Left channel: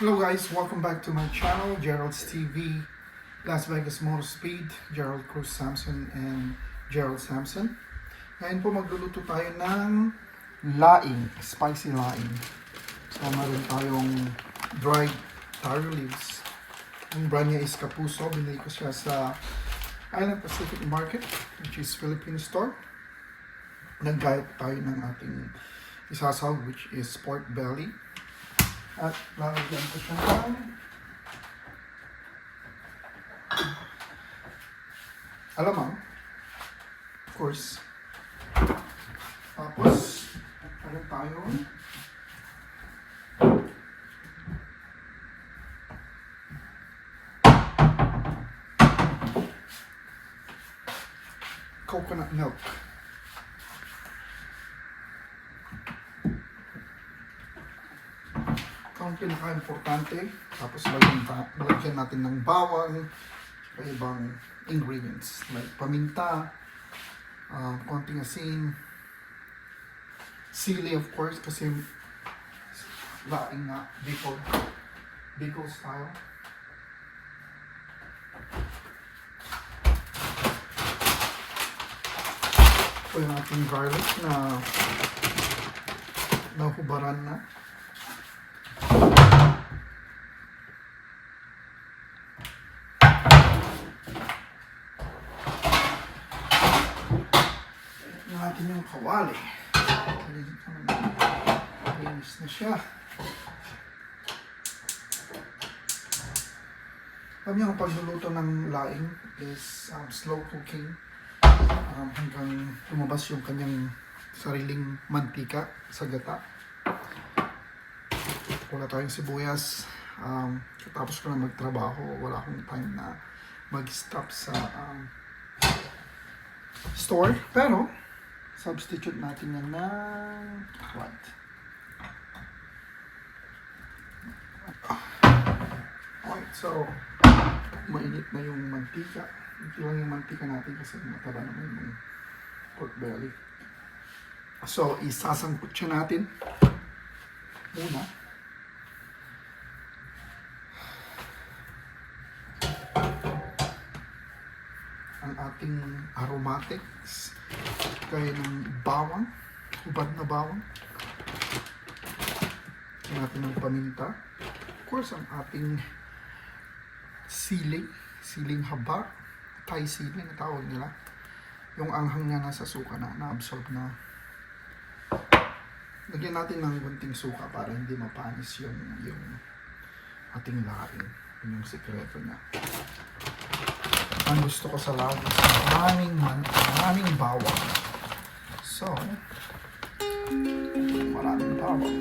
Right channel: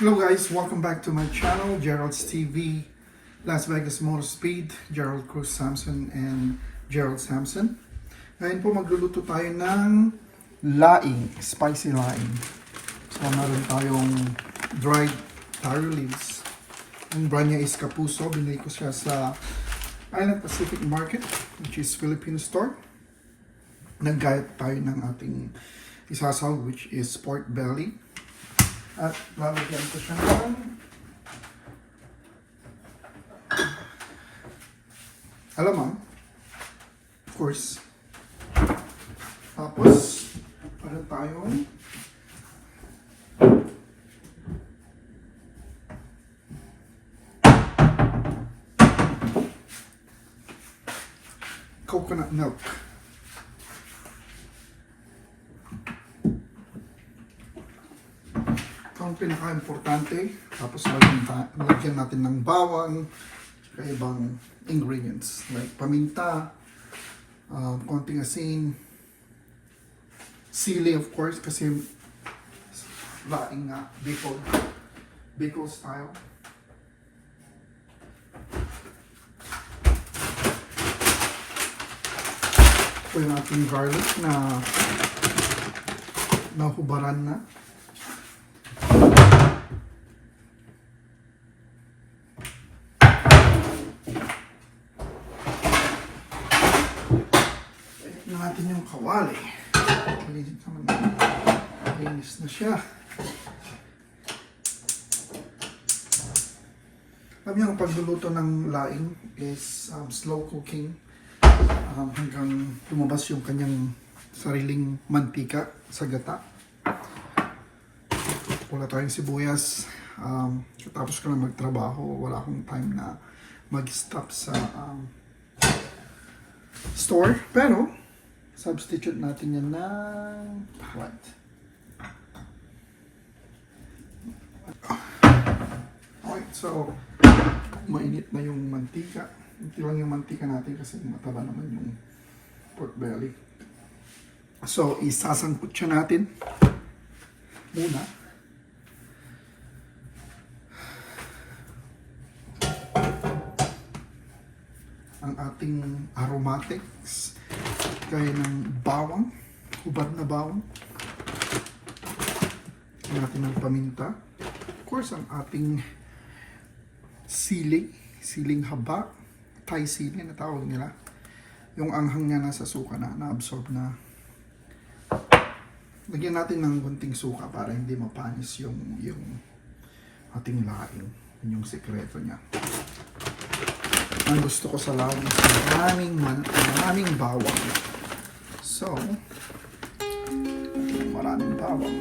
Hello guys, welcome back to my channel, Gerald's TV, Las Vegas Motor Speed, Gerald Cruz Samson and Gerald Samson. Ngayon po magluluto tayo ng laing, spicy laing. So meron tayong dried taro leaves. Ang brand niya is Kapuso. Binili ko siya sa Island Pacific Market, which is Filipino store. Naggayat tayo ng ating isasaw, which is pork belly. At lalagyan ko siya ng alamang, of course. Tapos ano tayong coconut milk. Ang pinaka-importante, tapos lagyan natin ng bawang, ibang ingredients like paminta, konting asin, sili of course kasi laing nga, Bicol style. Ito yung ating garlic na nahubaran na. Natin yung kawali. Linis na siya. Alam niyo, ang pagluluto ng laing is slow cooking hanggang lumabas yung kanyang sariling mantika sa gata. Wala tayong sibuyas. Tapos ko na magtrabaho, wala akong time na mag-stop sa store. Pero substitute natin yan ng white. Okay, so mainit na yung mantika. Ito lang yung mantika natin kasi mataba naman yung pork belly. So isasangkot siya natin muna. Ang ating aromatics kaya ng bawang, hubad na bawang, natin ng paminta, of course ang ating siling haba, Thai sili na tawag nila, yung anghang na nasa suka na na-absorb na. Lagyan natin ng konting suka para hindi mapanis yung ating laing. Yun yung sekreto niya. Ang gusto ko sa lawang is maraming bawang. So, maraming bawang.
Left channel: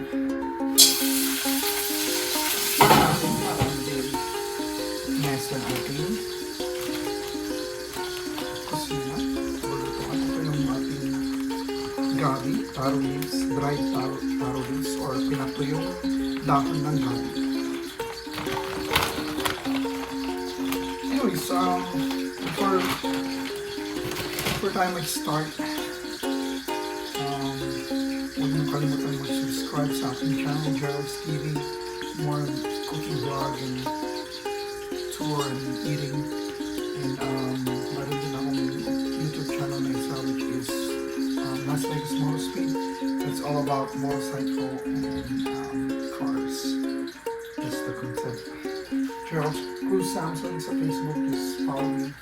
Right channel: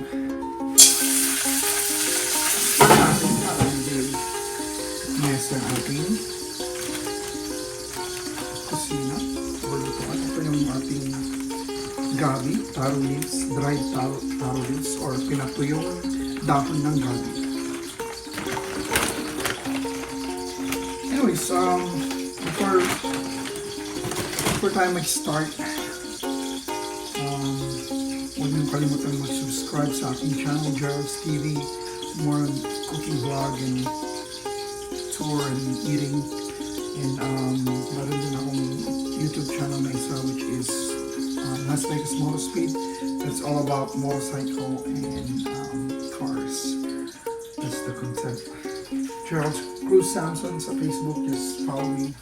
Para hindi mess ang ating kusina. Ito yung ating gabi, taro leaves, dried taro leaves, or pinatuyong dahon ng gabi. Anyways, before tayo mag-start, huwag niyong kalimutan mag-subscribe sa aking channel, Gerald's TV, more cooking vlog and tour and eating. And meron din akong YouTube channel na isa, which is Las Vegas Motor Speed. It's all about motorcycle and cars. That's the concept. Gerald Cruz Samson sa Facebook, just follow me.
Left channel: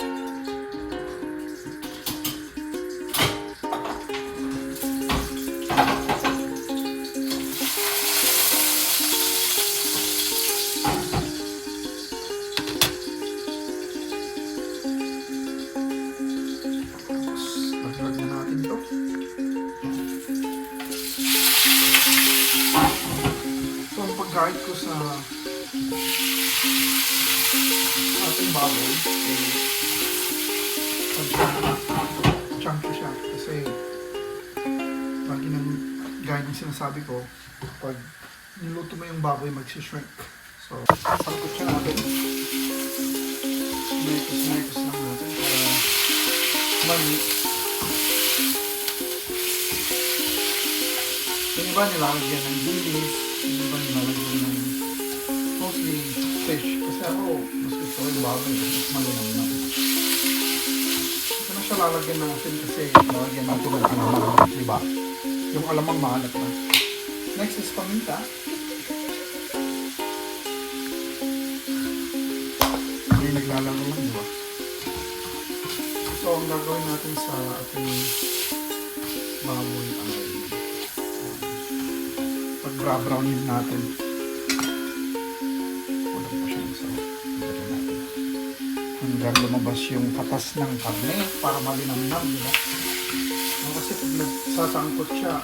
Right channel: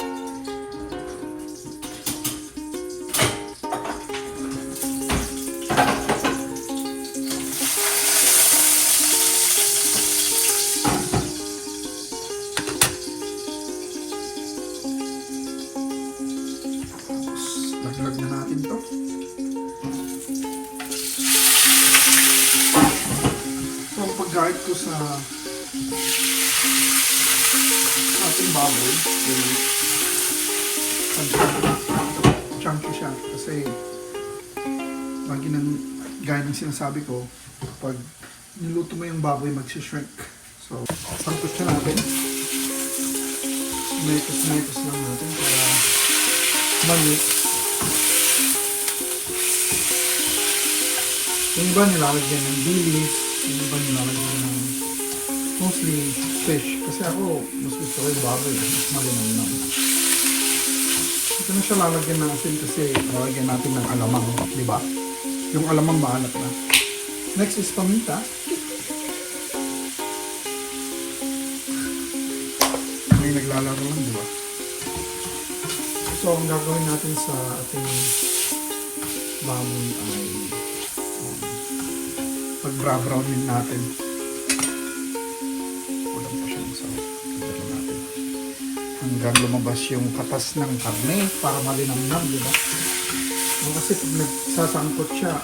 Laglag na natin ito. So ang pag-guide ko sa ating baboy is chunky siya kasi lagi ng guidance sinasabi ko, pag niluto mo yung baboy magsishrink. So sangkot siya natin, metos lang natin para maliit. Yung iba nilalagyan ng dilis, yung iba nilalagyan ng Mostly fish. Kasi ako, mas gusto ko yung baboy. Mas malinamnam. Ito na siya lalagyan ng asin kasi lalagyan natin ng alamang. Di ba? Yung alamang maalat na. Next is paminta. May naglalaro lang, di ba? So, ang gagawin natin sa ating baboy ay pag-brownin natin. Kulang pa siyang sarap. Pagdating natin. Hanggang lumabas yung katas ng karne para malinamnam, di ba? Kasi pag nagsasangkot siya,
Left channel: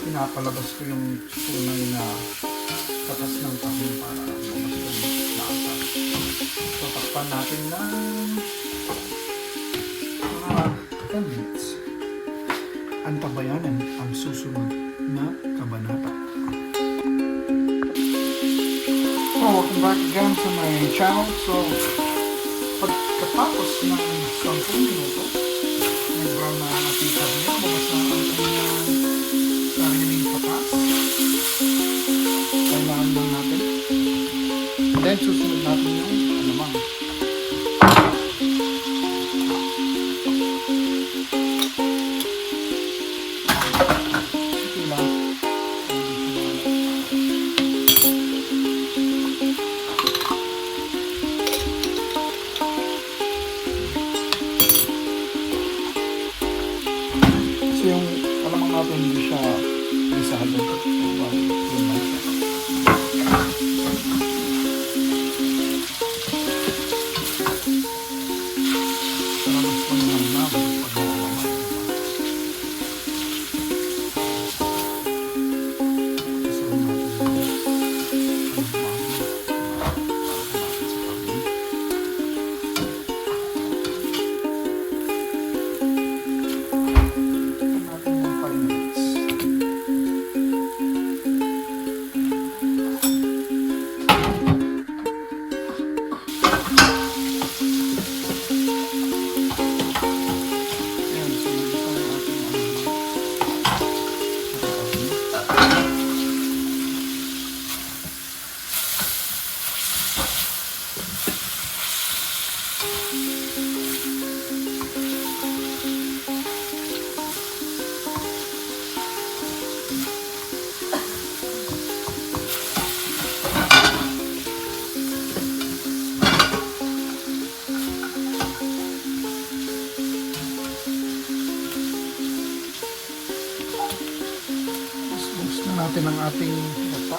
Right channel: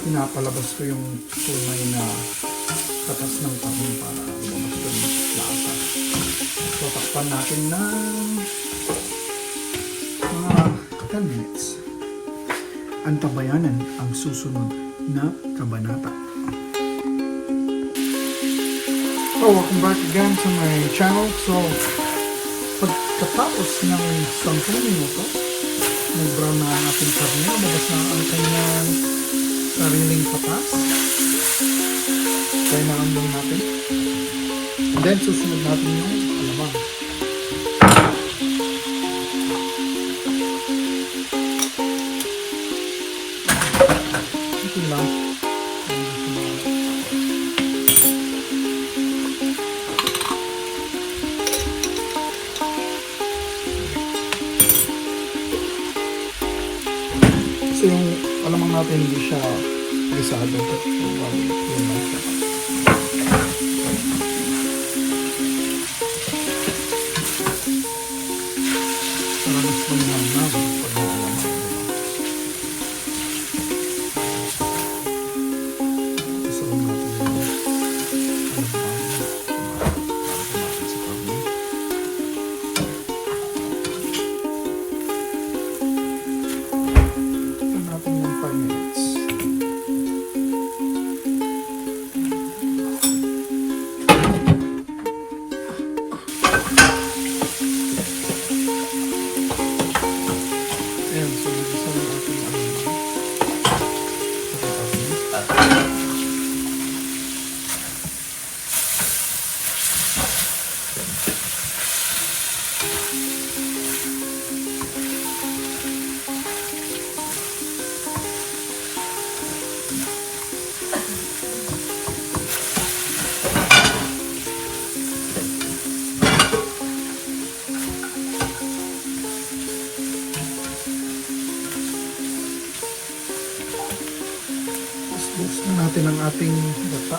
pinapalabas ko yung tunay na katas ng karne para lumabas yung lasa. So, takpan natin ng mga 10 minutes. Antabayanan ang susunod na kabanata. So, welcome back again to my channel. So, pagkatapos ng 10 minuto, nag-brown na ang ating karne, lumabas na ang kanyang sariling patas. Kainaan lang natin. And then, susunod natin yung alamang. Ito lang. Hindi siya mga... Kasi yung alamang natin hindi siya gisado. So, bali, yun lang siya. Mas malinamnam pag may alamang, diba? Gusto lang natin yung alamang. Gusto natin sa karne. Gusto natin ng 5 minutes. Ayan, so gusto ng ating alamang. Sa karne. Gusto natin ang ating gata.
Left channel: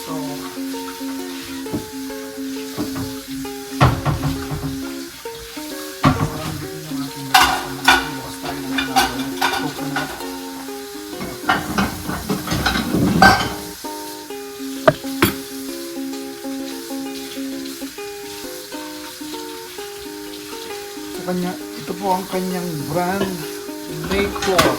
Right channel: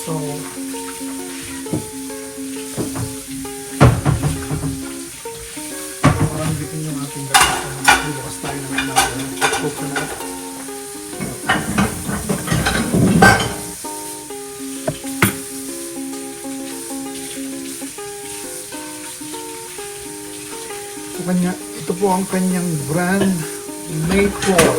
So, bitin yung ating gata. So, magbubukas tayo ng inagawin. Coconut. Ito po ang kanyang brand, Mayflower.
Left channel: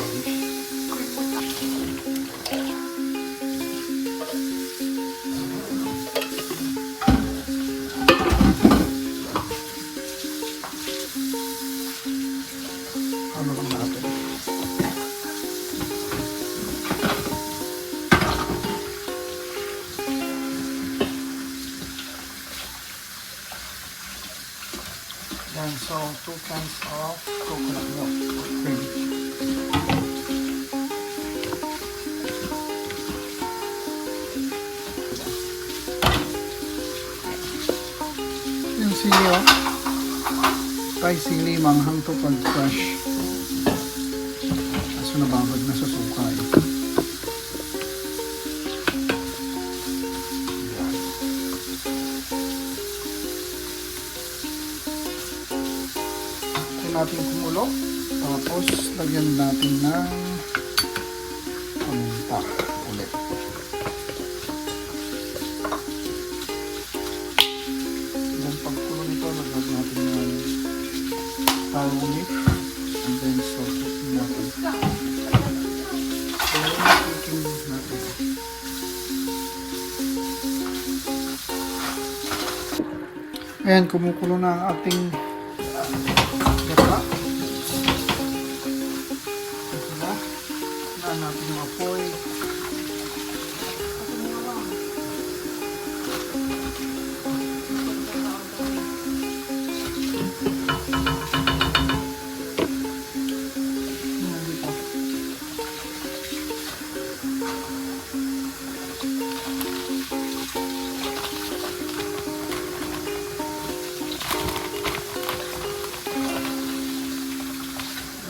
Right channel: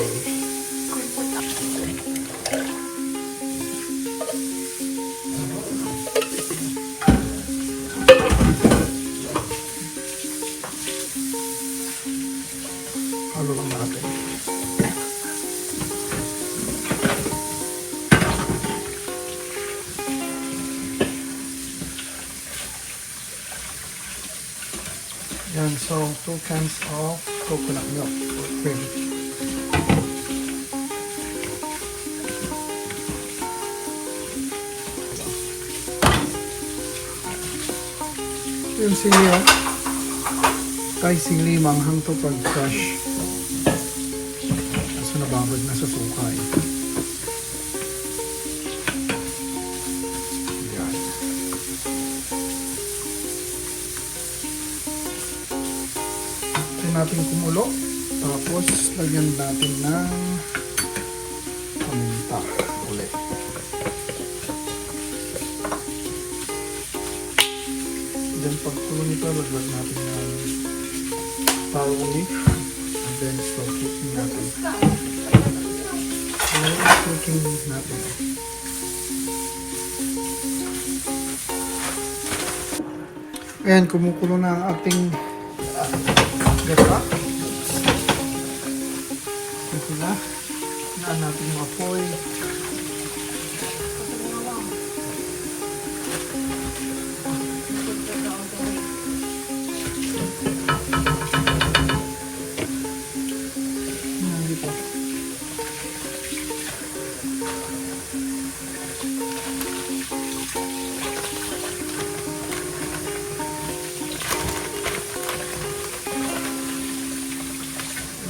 Halo lang natin. Yan, so 2 cans of coconut milk or cream. Yung sili, oh. Tay sili, manghang to pag fresh. Kaso nababad na sa suka, eh. Yan. Tayo natin kumulo. Tapos, lagyan natin ng paminta ulit. Then pag tulo nito, laglag natin yung taro leaf. And then so cooking natin. Slow cooking natin. Ayan, kumukulo na ang ating gata. Ito na. Hinaan natin yung apoy. Hindi po.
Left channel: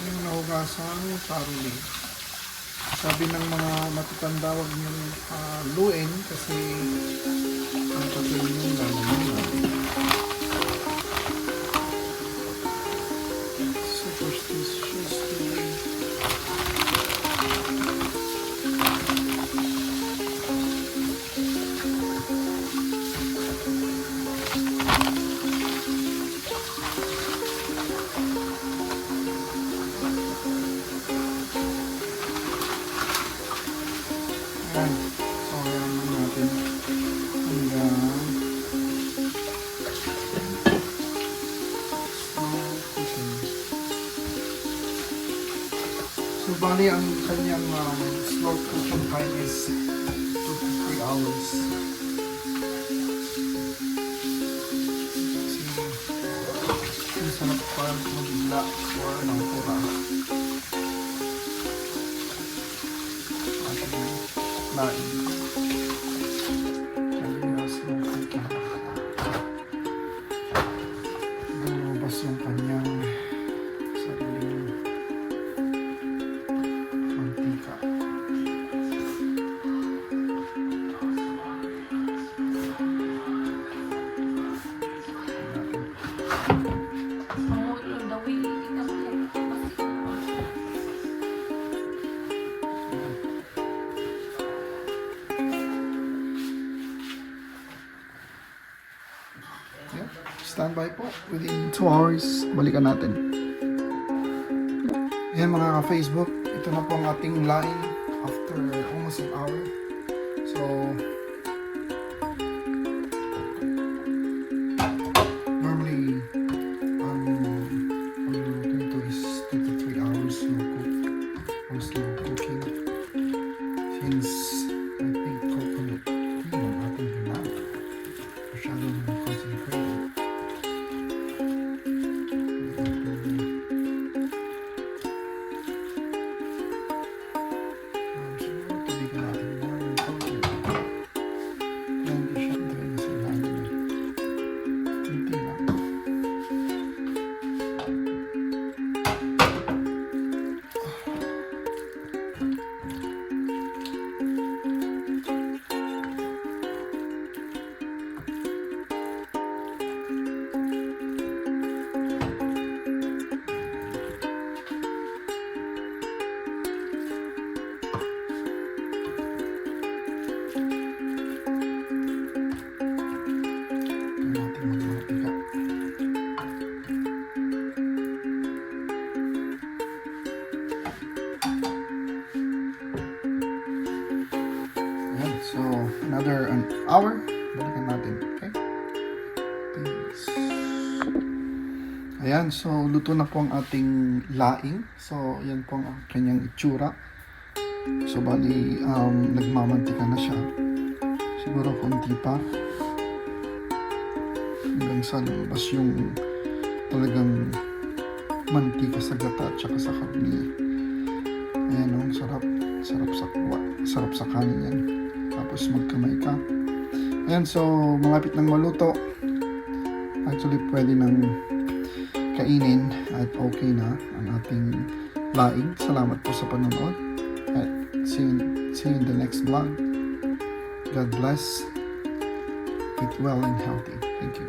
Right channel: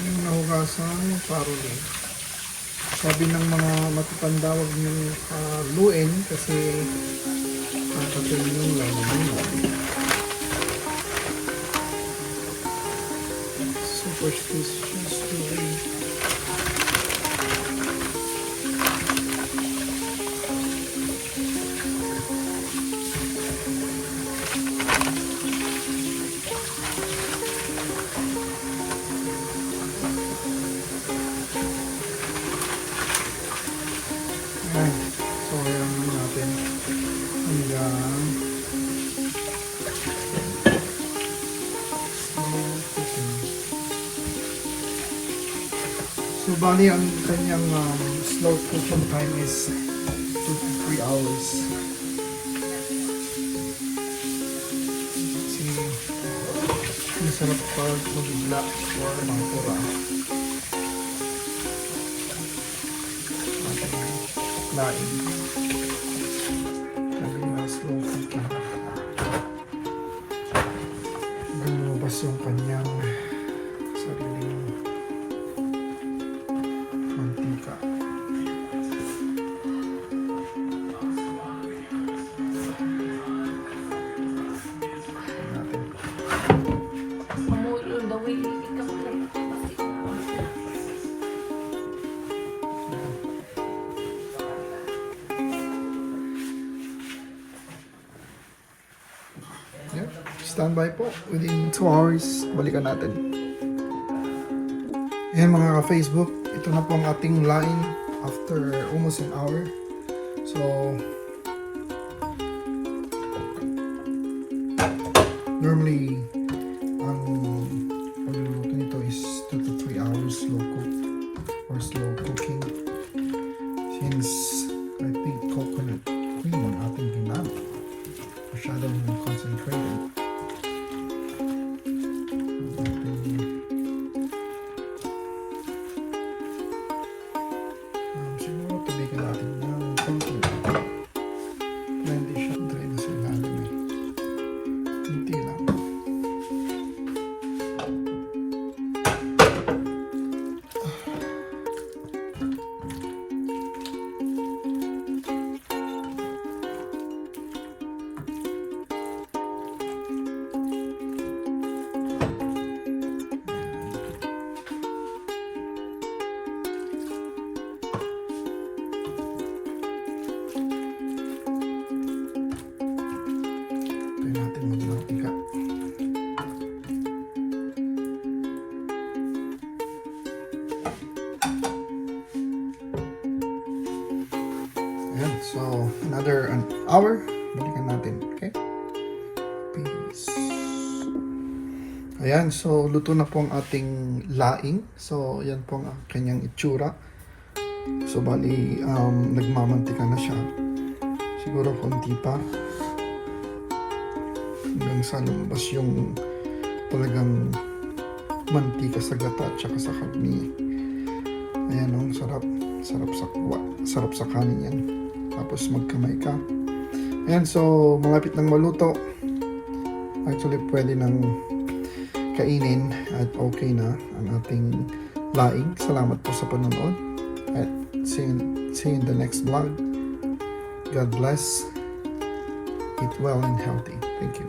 Yung nahugasan, charoli. Sabi ng mga matatanda, huwag nyo luin kasi ang katuin yung lalamunan. Superstitious to eat. Ayan. So, ayan lang natin hanggang slow cooking. So, bali ang kanyang slow cooking time is 2 to 3 hours. Kasi, masarap pa nabigla o pura. Ating laing. Sabi nga slow cooking. Lumabas yung kanyang sariling mantika. Tignan natin. Ayan. Standby po. Within 2 hours, balikan natin. Ayan mga ka-Facebook, ito na po ang ating laing after almost an hour. So, normally, ang pagluluto nito is 2 to 3 hours slow cook or slow cooking. Since I think coconut cream ang ating ginamit. Masyadong concentrated. Siguro tubigan natin ng konti. Hindi siya dry na sa ilalim eh. Hindi lang. Ito natin magmantika. Ayan, so another an hour. Balikan natin. Okay? Peace. Ayan, so luto na po ang ating laing. So, ayan po ang kanyang itsura. So, bali, nagmamantika na siya. Siguro konti pa. Hanggang sa lumabas yung talagang mantika sa gata at saka sa karni. Ayan o, sarap. Sarap sa kanin yan. Tapos magkamay ka. Ayan, so malapit nang maluto. Actually, pwede nang kainin at okay na ang ating laing. Salamat po sa panonood. At see you in the next vlog. God bless. Eat well and healthy. Thank you.